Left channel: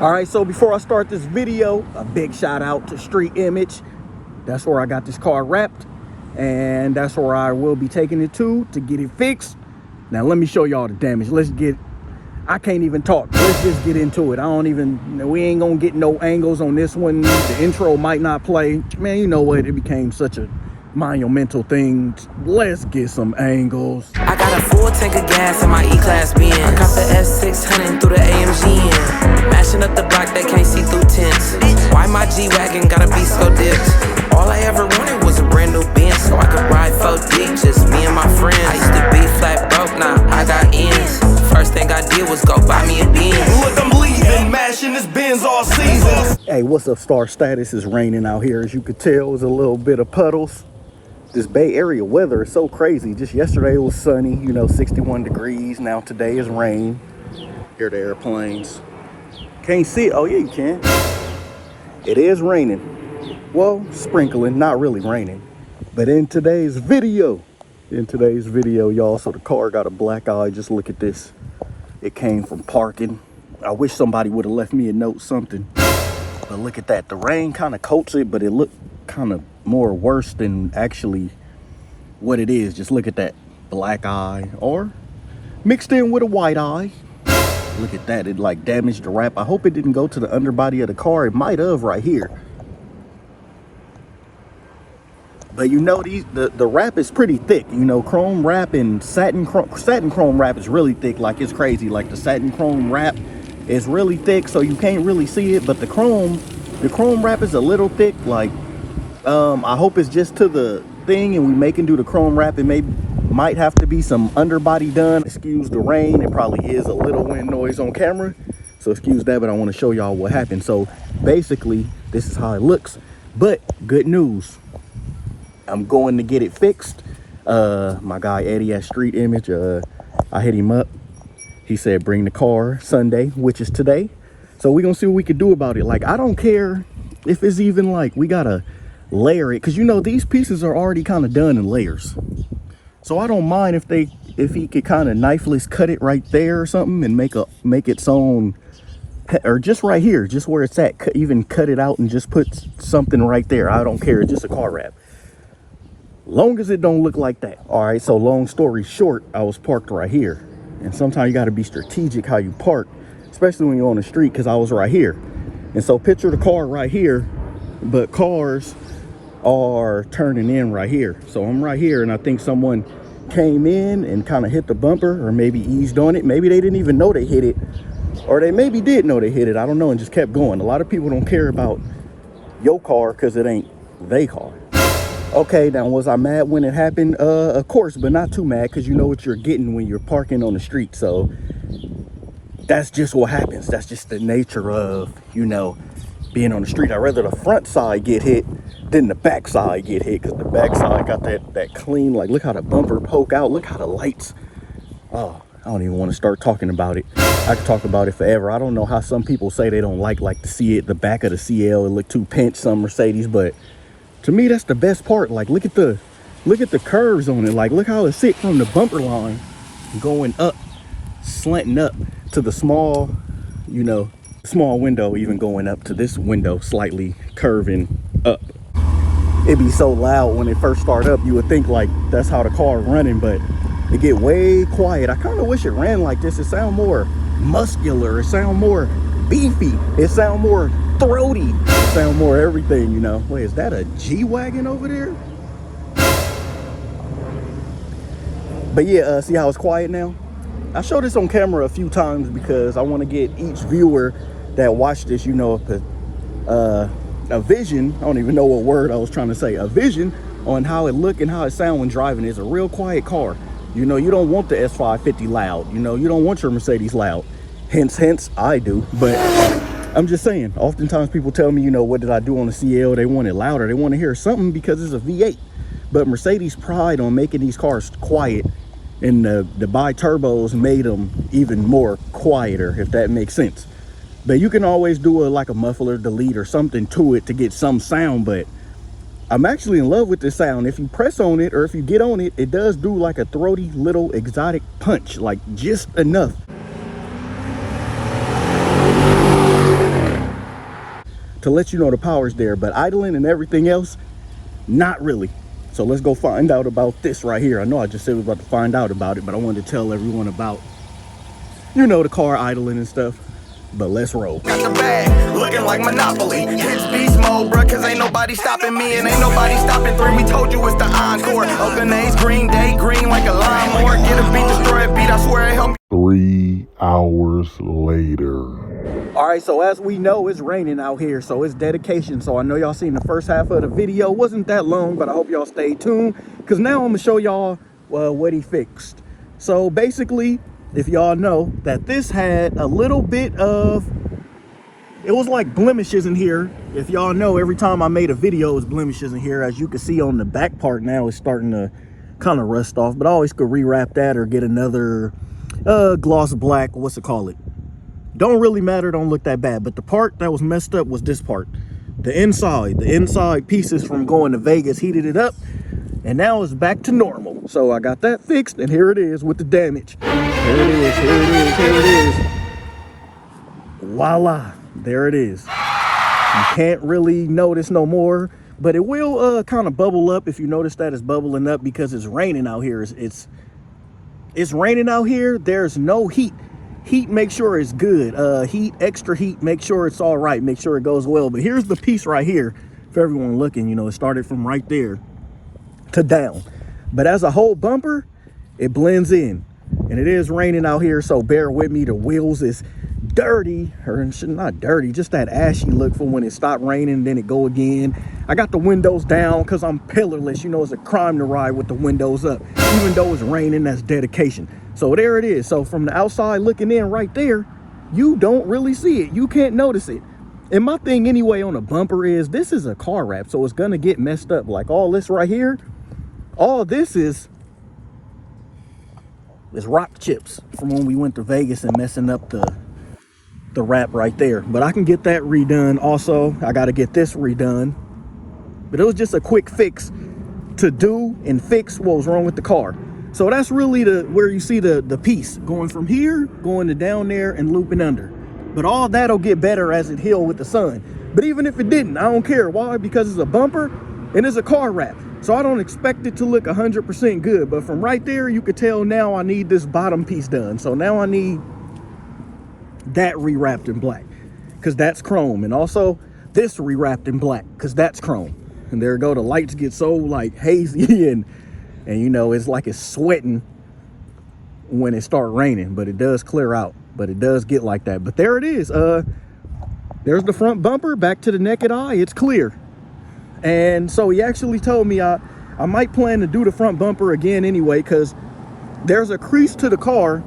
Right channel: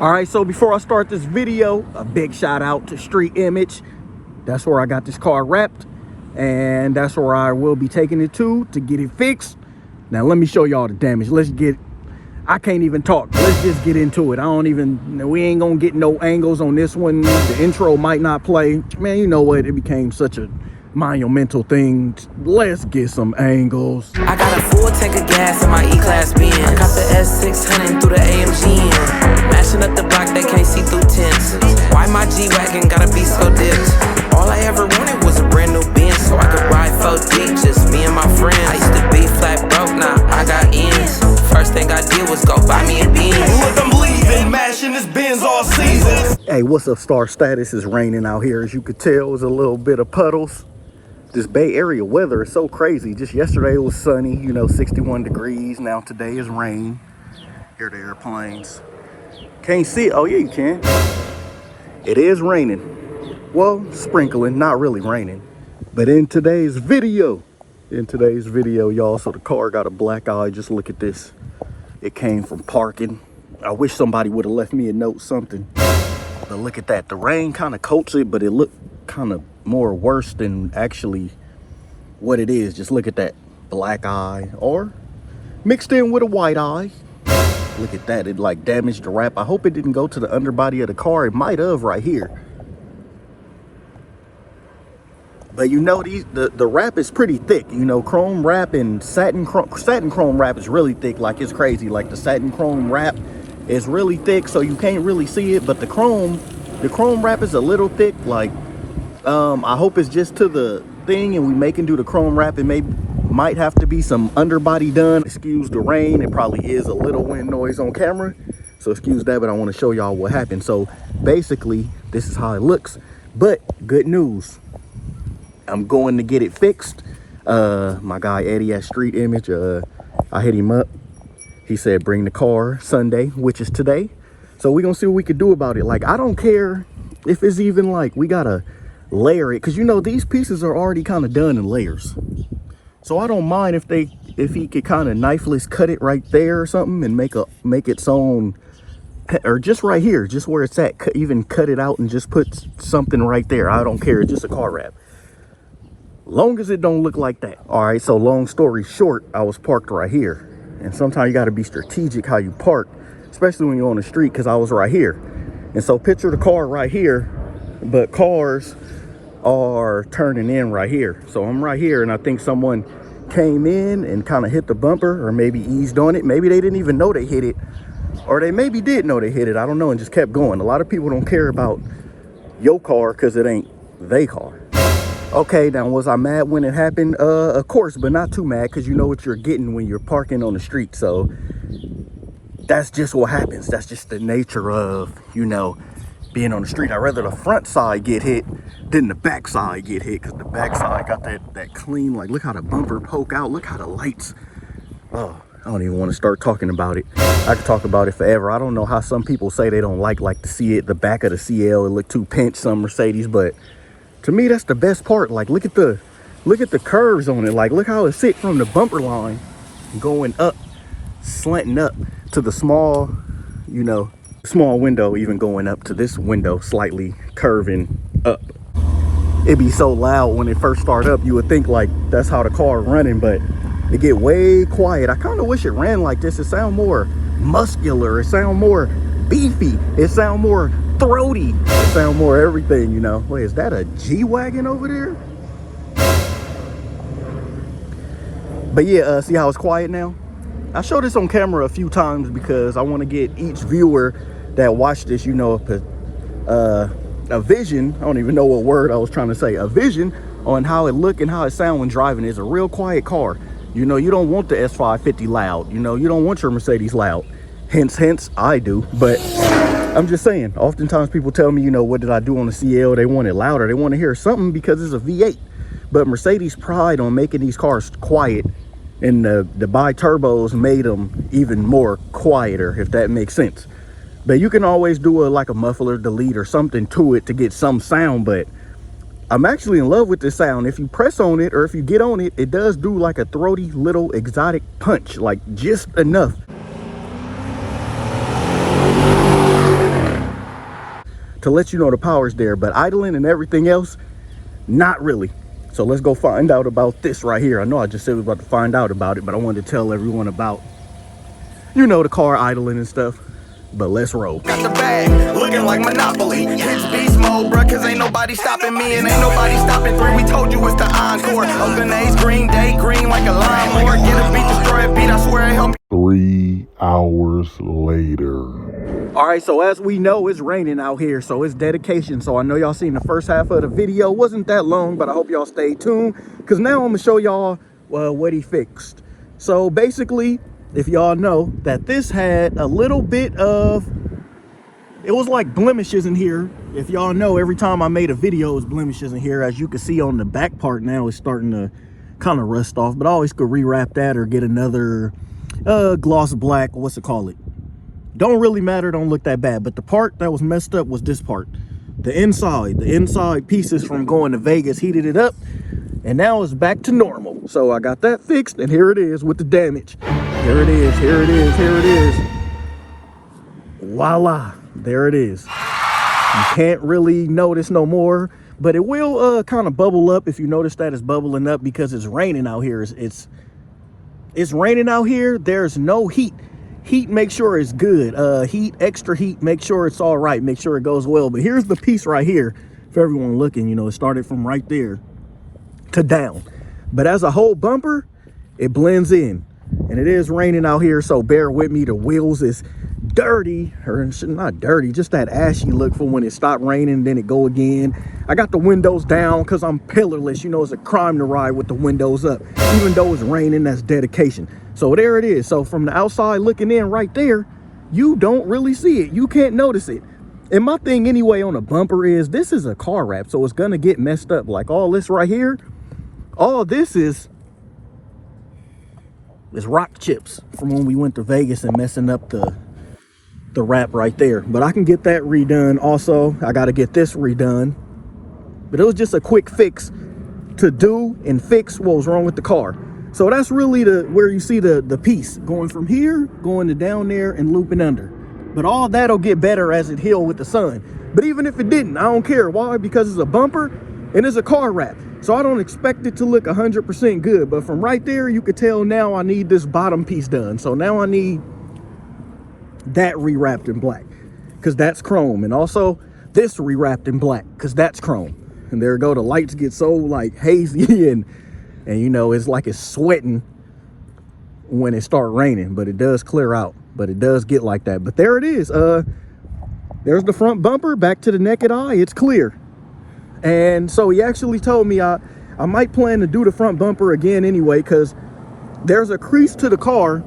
All right, so before I start this video, a big shout out to Street Image. That's where I got this car wrapped, and that's where I will be taking it to get it fixed. Now let me show y'all the damage. I can't even talk. Let's just get into it. We ain't gonna get no angles on this one. The intro might not play. Man, you know what? It became such a monumental thing. Let's get some angles. I got a full tank of gas in my E-Class Benz. I caught the S600 through the AMG in. Mashing up the block, they can't see through tents. Why my G-Wagon gotta be so dipped? All I ever wanted was a brand new Benz, so I could ride 4 deep, just me and my friends. I used to be flat broke, now I got ends. First thing I did was go buy me a Benz. Look, I'm leaving, mashing this Benz all season. Hey, what's up, Star Status? It's raining out here. As you could tell, there's a little bit of puddles. This Bay Area weather is so crazy. Just yesterday it was sunny, 61 degrees. Now today is rain. Hear the airplanes. Can't see it. Oh yeah, you can. It is raining. Well, sprinkling, not really raining. But in today's video, y'all, so the car got a black eye. Just look at this. It came from parking. I wish somebody would have left me a note, something. But look at that. The rain kind of coats it, but it looked kind of more worse than actually what it is. Just look at that black eye, or mixed in with a white eye. Look at that. It like damaged the wrap. I hope it didn't go to the underbody of the car. It might have right here. But the wrap is pretty thick. Chrome wrap and satin chrome wrap is really thick. Like, it's crazy. Like, the satin chrome wrap is really thick, so you can't really see it. But the chrome wrap is a little thick. Like, I hope it's just to the thing and we make and do the chrome wrap. It might have to be some underbody done. Excuse the rain. It probably is a little wind noise on camera, so excuse that, but I want to show y'all what happened. So basically this is how it looks, but good news, I'm going to get it fixed. My guy Eddie at Street Image, I hit him up. He said bring the car Sunday, which is today. So we're gonna see what we could do about it. Like, I don't care if it's even like we gotta layer it, because these pieces are already kind of done in layers. So I don't mind if he could kind of knifeless cut it right there or something and make its own, or just right here, just where it's at, even cut it out and just put something right there. I don't care. It's just a car wrap, long as it don't look like that. All right, so long story short, I was parked right here, and sometimes you got to be strategic how you park, especially when you're on the street, because I was right here. And so picture the car right here, but cars are turning in right here. So I'm right here, and I think someone came in and kind of hit the bumper, or maybe eased on it. Maybe they didn't even know they hit it, or they maybe did know they hit it. I don't know, and just kept going. A lot of people don't care about your car because it ain't they car. Okay, now was I mad when it happened? Of course, but not too mad, because you know what you're getting when you're parking on the street. So that's just what happens. That's just the nature of, being on the street. I'd rather the front side get hit than the back side get hit, because the back side got that clean, like, look how the bumper poke out, look how the lights. Oh, I don't even want to start talking about it. I could talk about it forever. I don't know how some people say they don't like to see it, the back of the CL, it look too pinched, some Mercedes, but to me that's the best part. Like, look at the curves on it. Like, look how it sit from the bumper line going up, slanting up to the small, small window, even going up to this window, slightly curving up. It'd be so loud when it first start up, you would think like that's how the car running, but it get way quiet. I kind of wish it ran like this. It sound more muscular, it sound more beefy, it sound more throaty, it sound more everything. Wait, is that a G-Wagon over there? But yeah, see how it's quiet now? I show this on camera a few times because I want to get each viewer that watch this, a vision. I don't even know what word I was trying to say. A vision on how it look and how it sound when driving. It's a real quiet car. You don't want the S550 loud. You don't want your Mercedes loud. Hence, I do. But I'm just saying, oftentimes people tell me, what did I do on the CL? They want it louder. They want to hear something because it's a V8. But Mercedes pride on making these cars quiet, and the bi-turbos made them even more quieter, if that makes sense. But you can always do like a muffler delete or something to it to get some sound. But I'm actually in love with this sound. If you press on it, or if you get on it, it does do like a throaty little exotic punch, like just enough. to let you know the power's there, but idling and everything else, not really. So let's go find out about this right here. I know I just said we were about to find out about it, but I wanted to tell everyone about, you know, the car idling and stuff. But let's roll. Got the bag, looking like Monopoly. Hits beast mode, bruh, cause ain't nobody stopping me and ain't nobody stopping 3. We told you it's the encore. Open A's, green day, green like a lawnmower. Get a beat, destroy a beat, I swear it helped. 3 hours later. All right, so as we know, it's raining out here, so it's dedication. So I know y'all seen the first half of the video. Wasn't that long, but I hope y'all stay tuned, because now I'm gonna show y'all what he fixed. So basically, if y'all know that this had a little bit of, it was like blemishes in here. If y'all know, every time I made a video, it was blemishes in here. As you can see on the back part now, it's starting to kind of rust off, but I always could rewrap that or get another gloss black, what's it call it? Don't really matter, don't look that bad. But the part that was messed up was this part. The inside pieces from going to Vegas heated it up, and now it's back to normal. So I got that fixed, and here it is with the damage. Here it is, here it is, here it is. Voila, there it is. You can't really notice no more, but it will kind of bubble up if you notice that it's bubbling up because it's raining out here. It's raining out here. There's no heat. Heat, make sure it's good. Heat, extra heat, make sure it's all right. Make sure it goes well. But here's the piece right here for everyone looking. You know, it started from right there to down. But as a whole bumper, it blends in. And it is raining out here, so bear with me. The wheels is dirty, or not dirty, just that ashy look for when it stopped raining, then it go again. I got the windows down because I'm pillarless. You know, it's a crime to ride with the windows up. Even though it's raining, that's dedication. So there it is. So from the outside looking in right there, you don't really see it. You can't notice it. And my thing anyway on a bumper is this is a car wrap, so it's going to get messed up. Like all this right here, all this is rock chips from when we went to Vegas and messing up the wrap right there. But I can get that redone. Also, I got to get this redone. But it was just a quick fix to do and fix what was wrong with the car. So that's really where you see the piece going from here, going to down there and looping under. But all that'll get better as it heals with the sun. But even if it didn't, I don't care. Why? Because it's a bumper and it's a car wrap. So I don't expect it to look 100% good. But from right there, you could tell now I need this bottom piece done. So now I need that rewrapped in black, because that's chrome. And also this rewrapped in black, because that's chrome. And there you go. The lights get so like hazy and you know, it's like it's sweating when it starts raining, but it does clear out. But it does get like that. But there it is. There's the front bumper. Back to the naked eye, it's clear. And so he actually told me I might plan to do the front bumper again anyway, because there's a crease to the car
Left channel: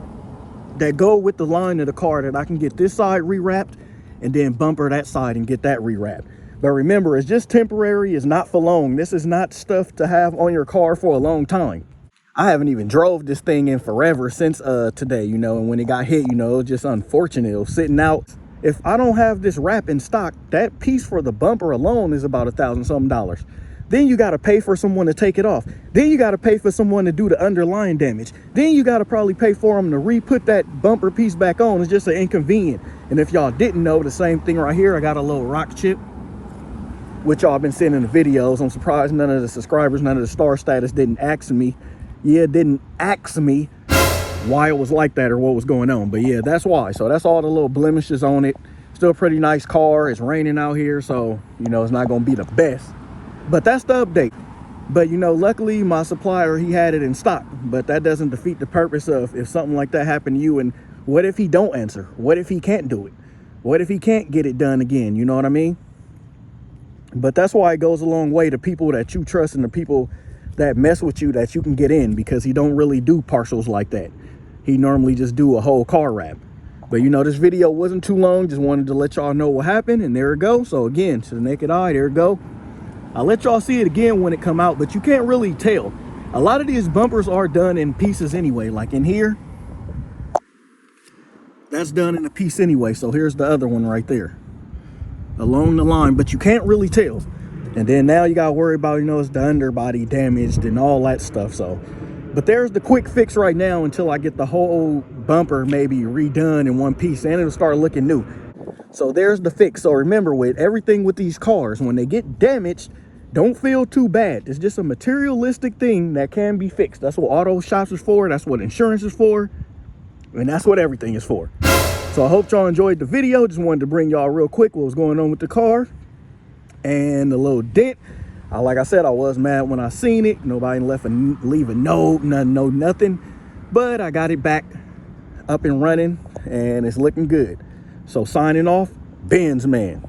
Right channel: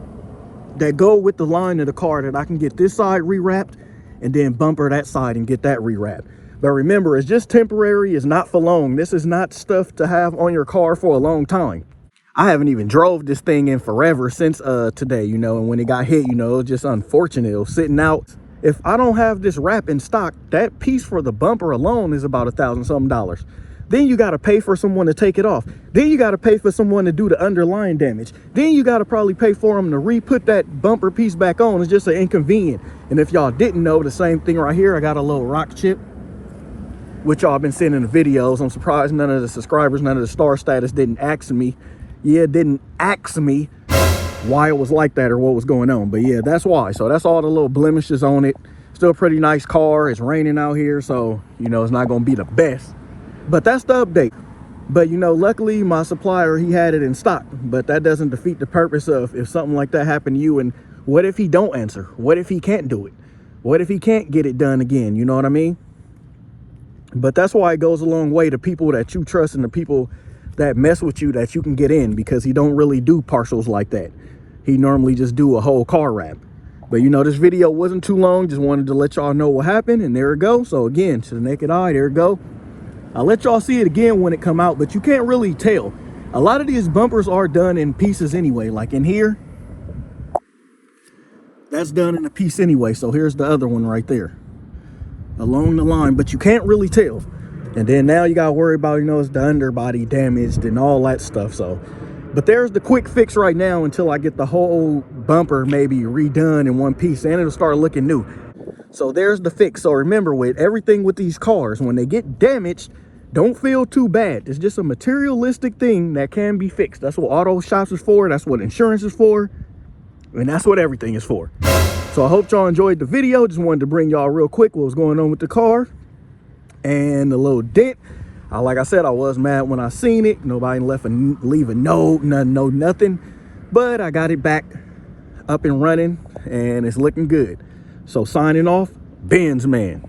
that go with the line of the car that I can get this side rewrapped and then bumper that side and get that rewrapped. But remember, it's just temporary. It's not for long. This is not stuff to have on your car for a long time. I haven't even drove this thing in forever since today, you know, and when it got hit, you know, it was just unfortunate. It was sitting out. If I don't have this wrap in stock, that piece for the bumper alone is about $1,000-something. Then you got to pay for someone to take it off. Then you got to pay for someone to do the underlying damage. Then you got to probably pay for them to re-put that bumper piece back on. It's just an inconvenient. And if y'all didn't know, the same thing right here, I got a little rock chip, which y'all been seeing in the videos. I'm surprised none of the subscribers, none of the star status didn't ask me. Yeah, didn't ask me why it was like that or what was going on. But yeah, that's why. So that's all the little blemishes on it. Still a pretty nice car. It's raining out here, so you know it's not gonna be the best, but that's the update. But you know, luckily my supplier, he had it in stock. But that doesn't defeat the purpose of if something like that happened to you, and what if he don't answer? What if he can't do it? What if he can't get it done again? You know what I mean? But that's why it goes a long way to people that you trust and the people that mess with you, that you can get in, because he don't really do partials like that. He normally just do a whole car wrap. But you know, this video wasn't too long. Just wanted to let y'all know what happened, and there it go. So again, to the naked eye, there it go. I'll let y'all see it again when it come out, but you can't really tell. A lot of these bumpers are done in pieces anyway. Like in here, that's done in a piece anyway. So here's the other one right there along the line, but you can't really tell. And then now you gotta worry about, you know, it's the underbody damaged and all that stuff. So, but there's the quick fix right now until I get the whole bumper maybe redone in one piece, and it'll start looking new. So there's the fix. So remember, with everything with these cars, when they get damaged, don't feel too bad. It's just a materialistic thing that can be fixed. That's what auto shops is for. That's what insurance is for. And that's what everything is for. So I hope y'all enjoyed the video. Just wanted to bring y'all real quick what was going on with the car and the little dent. Like I said, I was mad when I seen it. Nobody leave a note, nothing. But I got it back up and running, and it's looking good. So signing off, BENZMAN.